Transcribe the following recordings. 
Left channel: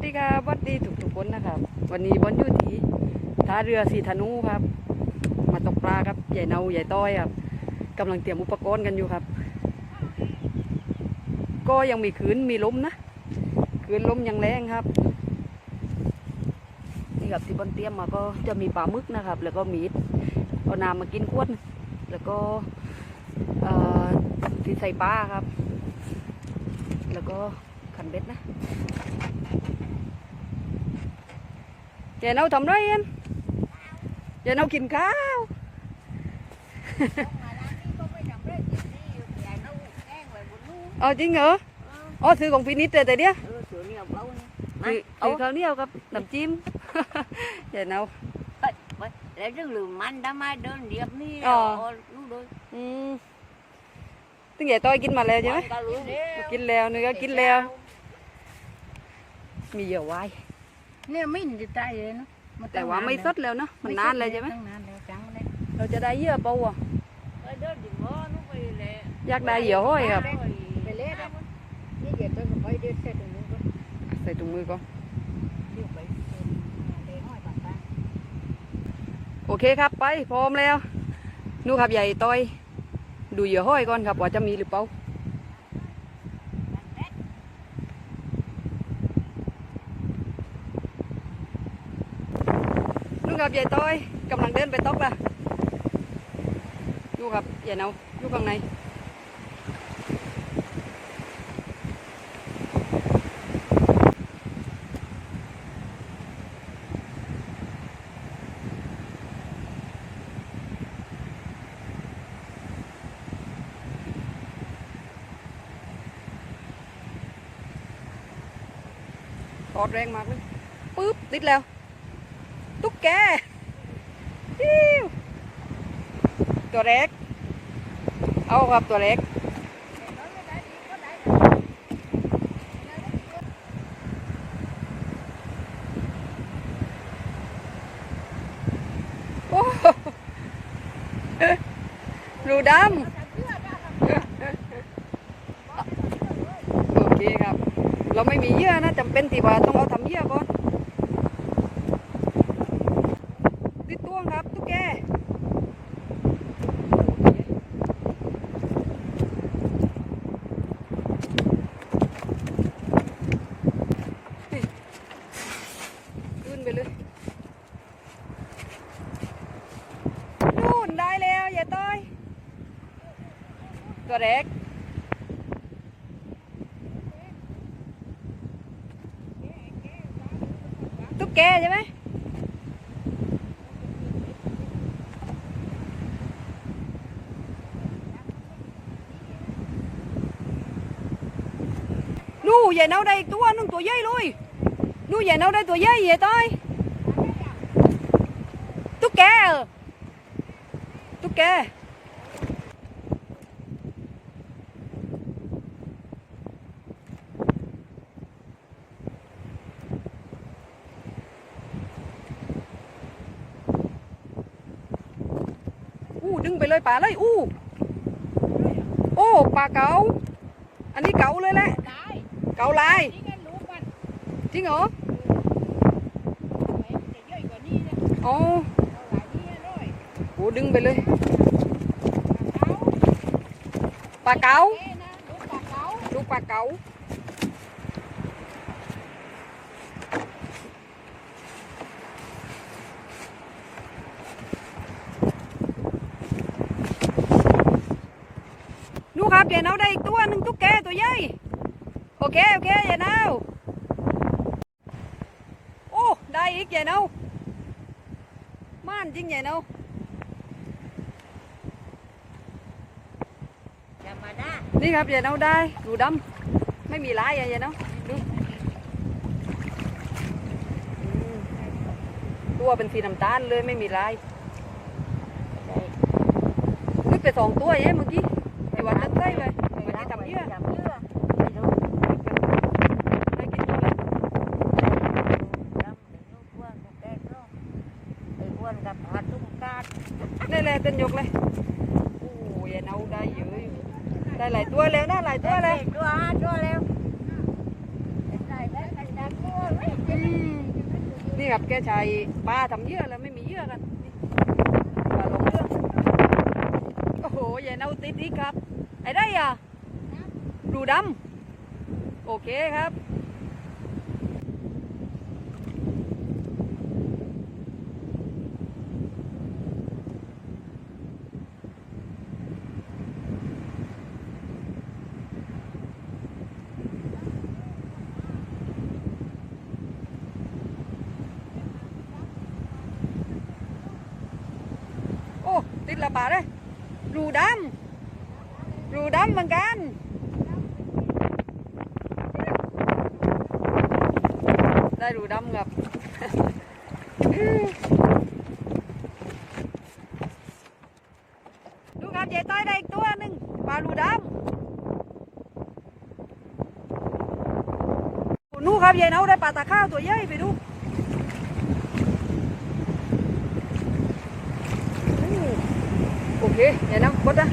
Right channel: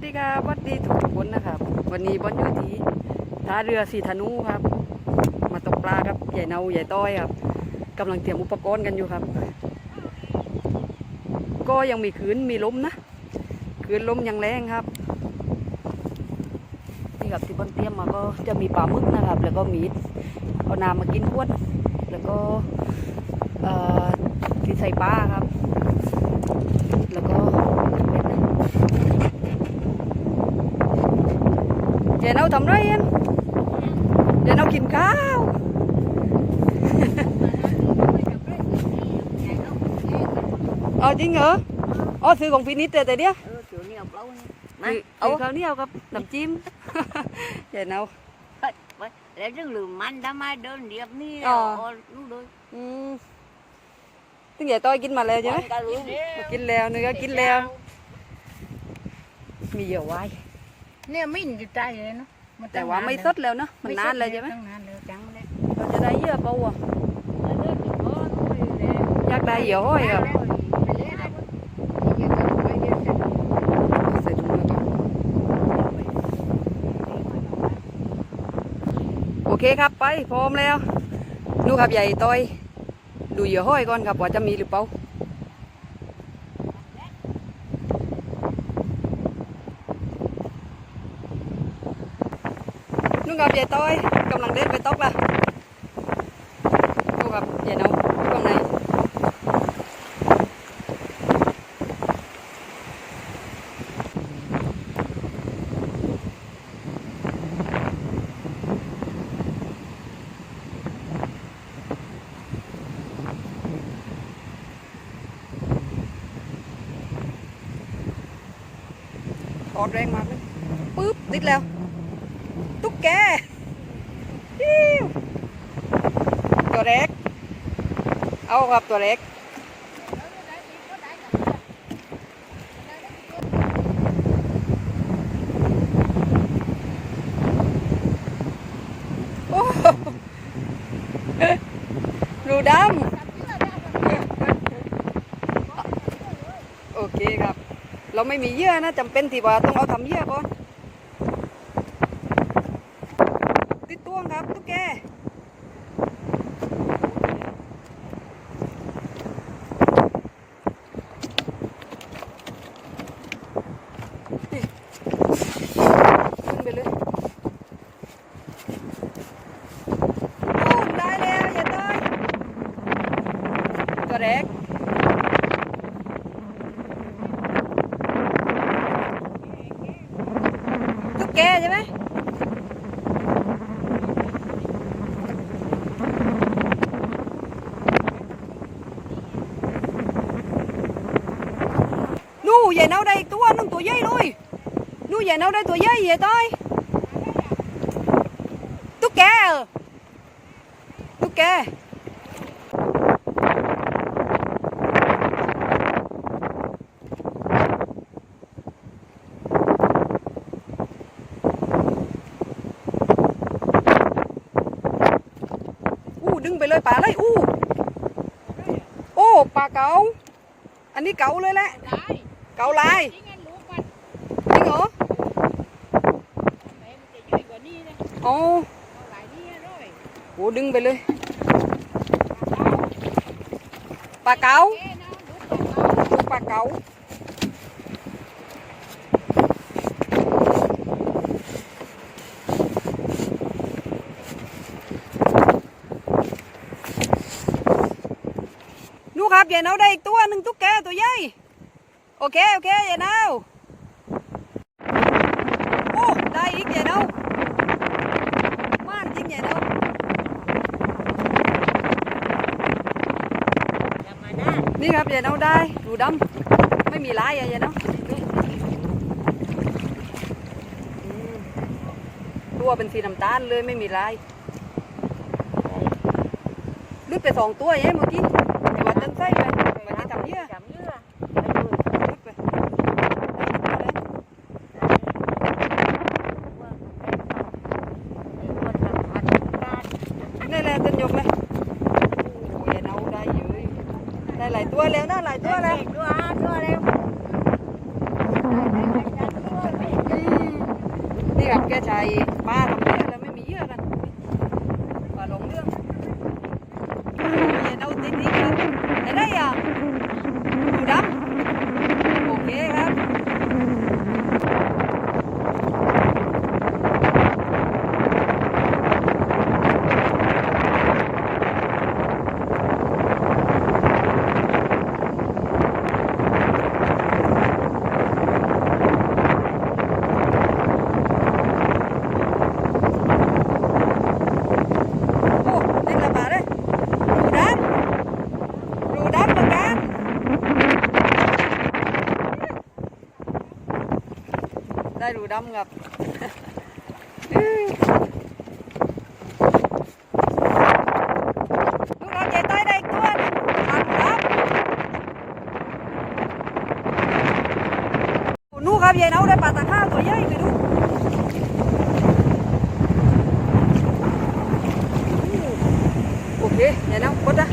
วัสดีครับสวัสดีทุกทุกคนนะครับ วันนี้บอลอยู่ที่ท่าเรือสีธนูครับ มาตกปลาครับใหญ่เนาใหญ่ต้อยครับกำลังเตรียมอุปกรณ์กันอยู่ครับ ก็ยังมีคืนมีลมนะคืนลมยังแรงครับนี่ครับที่บอลเตรียมมาก็จะมีปลาหมึกนะครับ แล้วก็มีดเอาน้ำมากินขวดแล้วก็ที่ใส่ปลาครับ แล้วก็เบ็ดนะ เดี๋ยวเราทำไรเอ็นเดี๋ยวเรากินข้าวเอาจริงเหรออ๋อซื้อของฟินิชแต่แต่เนี้ยซื้อซื้อข้าวเหนียวกับน้ำจิ้มเดี๋ยวเราแล้วถึงลืมมันทำไมเดินเรียบนี่อ๋อลูกด้วยอืมตึงใหญ่ต้อยกินมาแล้วใช่ไหมกินแล้วเนื้อกินแล้วมีเยื่อไว้ เนี่ยไม่ติดใจเลยนะแต่ว่าไม่สดแล้วเนอะมันนานเลยใช่ไหมนานแล้วจังเลยเราจะได้เหยื่อเปล่าอะเดินอยู่ก่อนไปเลยอยากได้เหยื่อห้อยครับไปเลยนะอย่าจะไปเดินเสร็จใส่ถุงมือก่อนโอเคครับไปพร้อมแล้วนู่ครับใหญ่ต้อย ดูเหยื่อห้อยก่อนครับว่าจะมีหรือเปล่า นู่ครับใหญ่ต้อยกำลังเดินไปตกละนู่ครับใหญ่เนาอยู่ข้างในตอดแรงมากเลยปึ๊บติดแล้ว ตุ๊กแกฮิ้วตัวเล็ก เอาครับตัวเล็กโอ้โหรูดำโอเคครับ เราไม่มีเยื่อนะจำเป็นที่ว่าต้องเอาทำเยื่อก่อน ติดต้วงครับตุ๊กแกนี่ขึ้นไปเลยนู่นได้แล้วอย่าต้อย ตัวเล็กตุ๊กแกใช่ไหมนู่ใหญ่เน่าได้อีกตัวนึงตัวใหญ่เลยนู่ใหญ่เน่าได้ตัวใหญ่ใหญ่ต้อยตุ๊กแกเหรอตุ๊กแกอู้ ดึงไปเลยป่าเลยอู้โอ้ปลาเก๋าอันนี้เก๋าเลยแหละเกาลายจริงเหรอโอ้โหดึงไปเลยปลาเก๋าลูกปลาเก๋า ครับย่าเอาได้อีกตัวหนึ่งตุ๊กแกตัวใหญ่โอเคโอเคย่าเน่าโอ้ได้อีกย่าเน่าม่านจริงย่าเน่านี่ครับย่าเน่าได้ดูดำไม่มีลายย่าย่เน่าตัวเป็นสีน้ำตาลเลยไม่มีลายนึกไปสองตัวเองเมื่อกี้ มันใจไปเมื่อกี้ทำเยอะทำเยอะว่งเขาไอ้คนกับพัดการนี่แหละต้นยกเลยโอ้ยอย่าเน่าได้เยอะได้หลายตัวแล้วนะหลายตัวแล้วตัวตัวเร็วได้ได้ได้ตัวเร็วแกใช้ปลาทำเยื่อแล้วไม่มีเยื่อกันปลาลงเรื่องโอ้โหอย่าเอาติดนี้ครับ ไอ้ได้อะดูดำโอเคครับ โอ้ติดละบาทเลยรูดำรูดำเหมือนกัน ไดำครับลูกเอาใจต้อยได้ตัวนึงปลารูดำนู่ครับยายเนาได้ปลาตะข้าวตัวใหญ่ไปดูโอเคอย่านะบดนะ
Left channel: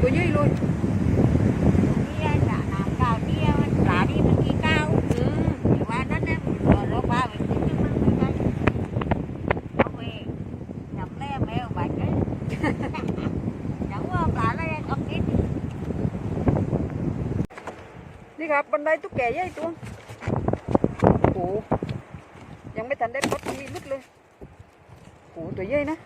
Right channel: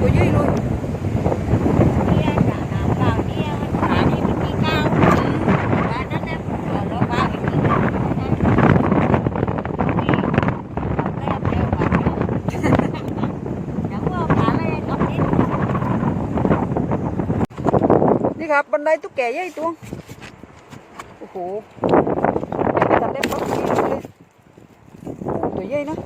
ตัวยืดเลยจะน้ำเปล่าเนี่ยมันขานี่มันกี่ก้าวถึงว่านั้นนะเราลงว่าไปกี่ก้าวนั่นนี่ทำแก้มเร็วกว่านี้อย่างว่าขาอะไรก็คิด นี่ ครับบันไดตุ๊กแกใหญ่ตัวโอ้โหยังไม่ทันได้ปั๊บนี่เลยโอ้โหตัวใหญ่นะ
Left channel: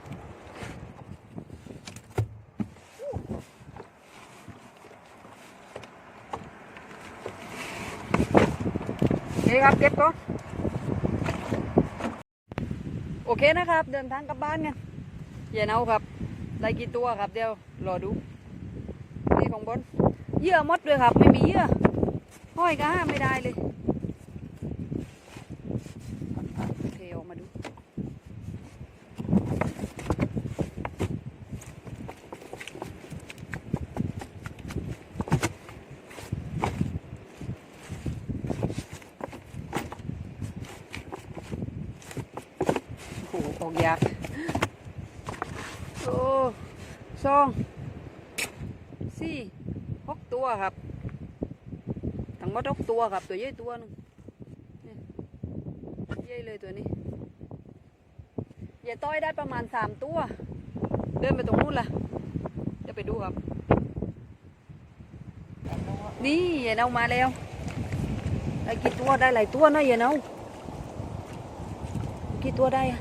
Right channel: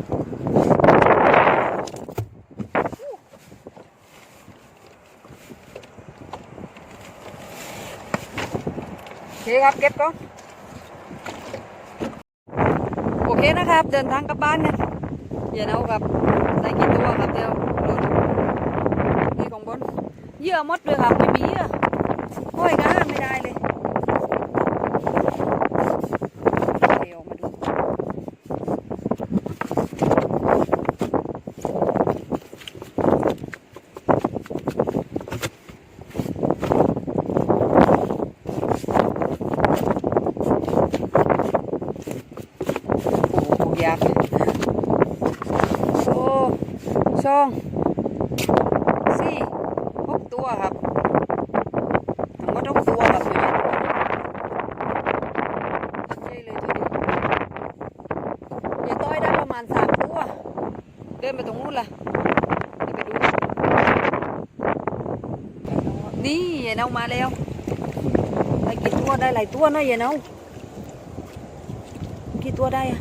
โอเคครับเก็บก่อนโอเคนะครับ เดินทางกลับบ้านกันอย่าเอาครับได้กี่ตัวครับเดี๋ยวรอดูนี่ของบนเยื่อมดเลยครับ ไม่มีเยื่อ ห้อยก็ห้ามไม่ได้เลยเดี๋ยวมาดู โอ้โหยากโอ้สองสี่หกตัวครับ ทั้งหมดหกตัวครับตัวใหญ่ตัวใหญ่เลยตัวนี้ยายต้อยได้ประมา ณสามตัว เดินไปตรงนู้นล่ะเดี๋ยวไปดูกันนี่ยายเนามาแล้วได้กี่ตัวได้หลายตัวเนอะยายเนากี่ตัวได้อะ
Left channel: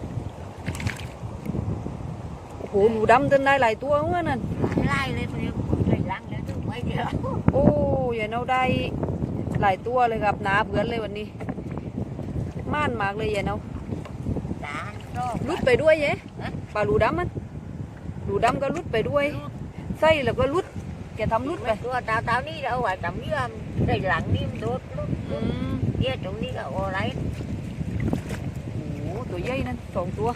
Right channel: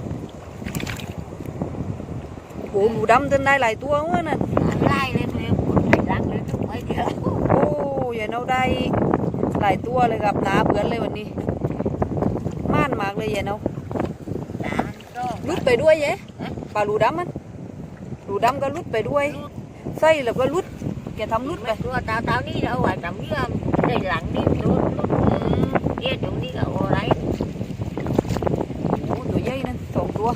โอ้โหหนูดำเดินได้หลายตัวเมื่อนั่นไล่เลยเพื่อนคนไล่ลังเลยทุกไม่เดียวโอ้ยายเนาได้หลายตัวเลยครับหนาเพื่อนเลยวันนี้ ม่านมากเลยยายเนาสามสองลุดไปด้วยเย้ฮะ ปลาลูดำมันลูดำก็ลุดไปด้วย ไส้แล้วก็ลุดแกทำลุดไป ตัวตาตานี่เอาไว้ทำเยื่อในหลังนี่โดนลุดอืมเยี่ยตรงนี้ก็โอ้ไรโอ้ตัวใหญ่นั่นสองตัว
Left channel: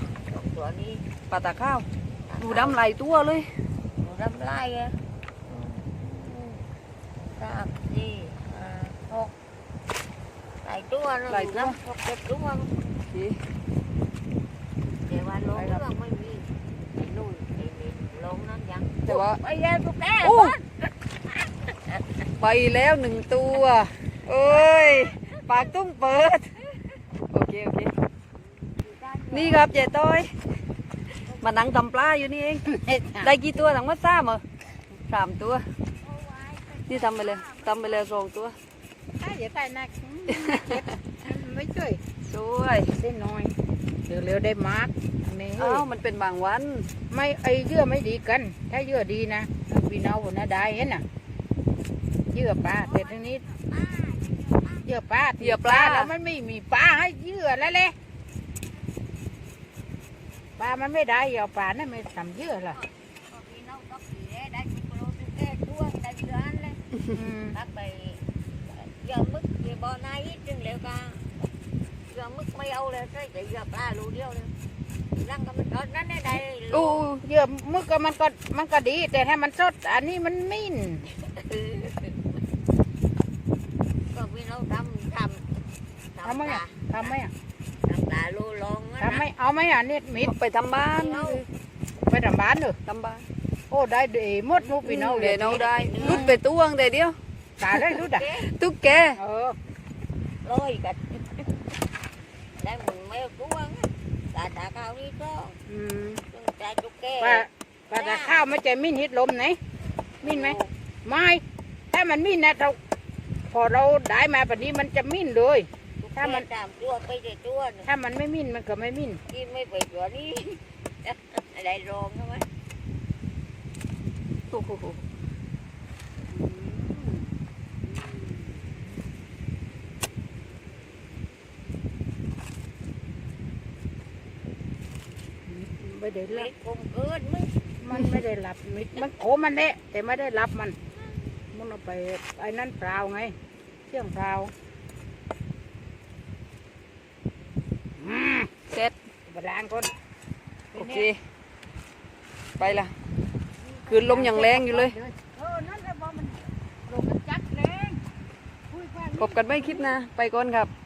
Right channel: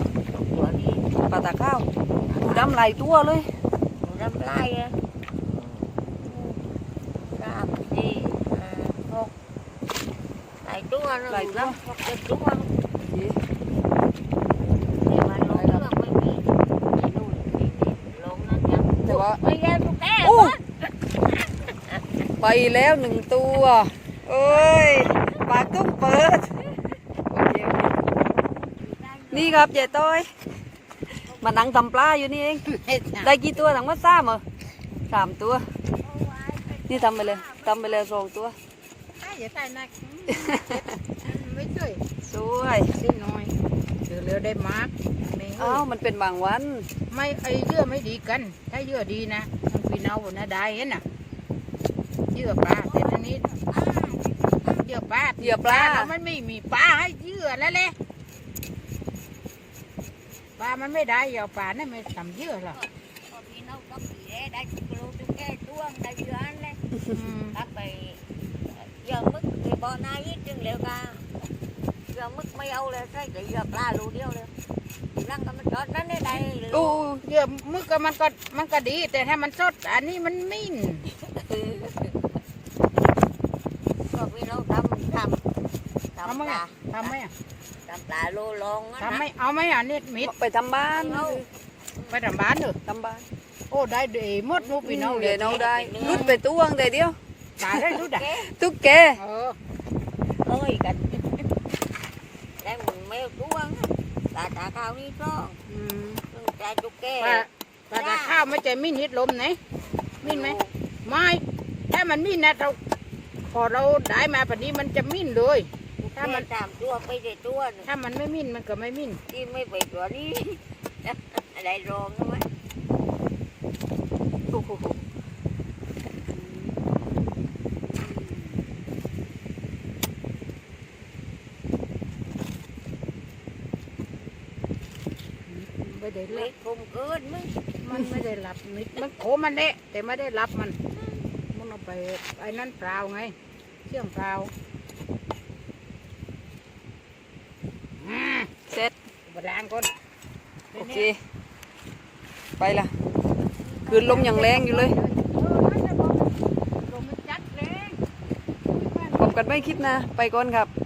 ตัวนี้ปลาตาข้าวลูดำหลายตัวเลยหนูน้ำลายอะสามสี่ห้าหกหลายตัวนะหกเจ็ดตัวโอเคแต่ว่าลงเรื่องไม่มีไอ้นู่นไอ้นี่ลงนั่นยัง แต่ว่าไม่แย่ตุ๊กแกโอ้ไปแล้วหนึ่งตัวเอ้ยปากตุ้งเปิดโอเคโอเคนี่ครับยายต้อยมานั่งทำปลาอยู่นี่เองได้กี่ตัวทั้งหมดสามเหรอสามตัว นี่ทำไปเลยทำไปเลยสองตัวอย่าใกล้นักไม่ช่วยสวยได้น้อย เดี๋ยวเรือได้มาร์กนี่อ้าวมันเป็นบางวัน ไม่ไอเยื่อไม่ดีกัน ถ้าเยื่อดีนะพี่น้องบนน่าได้เห็นน่ะเยื่อปลาแต่ทีนี้เยื่อปลาเหยื่อปลาแล้วมันไม่มีปลาให้เยื่อแล้วแหละปลามันไม่ได้เหยื่อปลานั่นไม่ทำเยื่อหรอกพี่น้องก็ผีได้ตุ๊กโลตุ๊กแกตัวได้เยอะเลยอืมตักไปเยอะมึกที่บ่อนายจึงเร็วกันเยอะมึกไม่เอาเลยใช่แต่เยอะปลาลูเดียวเลยนั่งก็ มันจอดนั่นได้ได้เลยโอ้เยื่อมึกก็มันก็มันก็ดี แต่ถ้ามันสด อันนี้มันมิ่นก็พี่น้องทำทำทำไหมอะทำไหมอะทำปลาโลลองทำไหมเอาไหมอะนี่มิดไปทำบ้านไปทำบ้านเลยทำบ้านโอ้ได้ดีหมดลูกพี่น้องเดี๋ยวเราได้ลุดไปตัวงแต่เดียวตายแล้วรู้ดักตุ๊กแกเออเอ้ยกันได้หม วตัวงตาตาข้าวนี่ต้องอืมซึ่งตาจุกแก่ป้าป้าตาข้าวมันจะมิ้นฮิตลมไหนมิ้นไหมไม่ถ้ามันมิ้นนะเราพอเราได้มาแบบนี้มันจะมิ้นเลย ถ้าถ้ามัมันน ตามตัวไปในตัวเนี่ยถ้ามันไม่มิ้นมันก็ไม่มิ้นที่ไม่ไปตัวนี้ อะไรรองนะวะโอ้โห ไม่ได้ไม่รับคมเกินมั้งมันไม่ได้รับมิดมันโขมันเละแต่ไม่ได้รับมัน มันเอาไปไอ้นั่นเปล่าไงเครื่องเปล่าอืมเสร็จบดานก่อนโอเค ไปละคืนลมอย่างแรงอยู่เลยเออนั่นแหละบอกบอกมันจัดแรงพบกันไม่คลิปหนะ ไปก่อนครับบ